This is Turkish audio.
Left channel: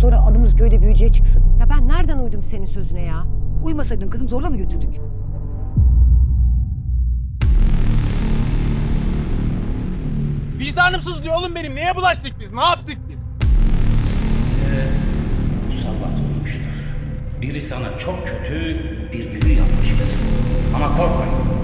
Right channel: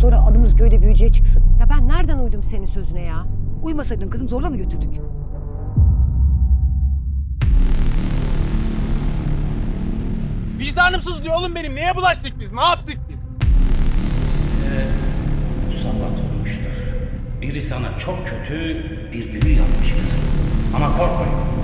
sonra adımız köyde büyücüye çıksın. Ya ben nereden uydum senin sözüne ya? Uymasaydın kızım zorla mı götürdük? Vicdanımsız diyor oğlum benim. Neye bulaştık biz? Ne yaptık biz? Size musallat olmuşlar. Biri sana çok kötü bir büyü yapmış kızım. Ama korkmayın.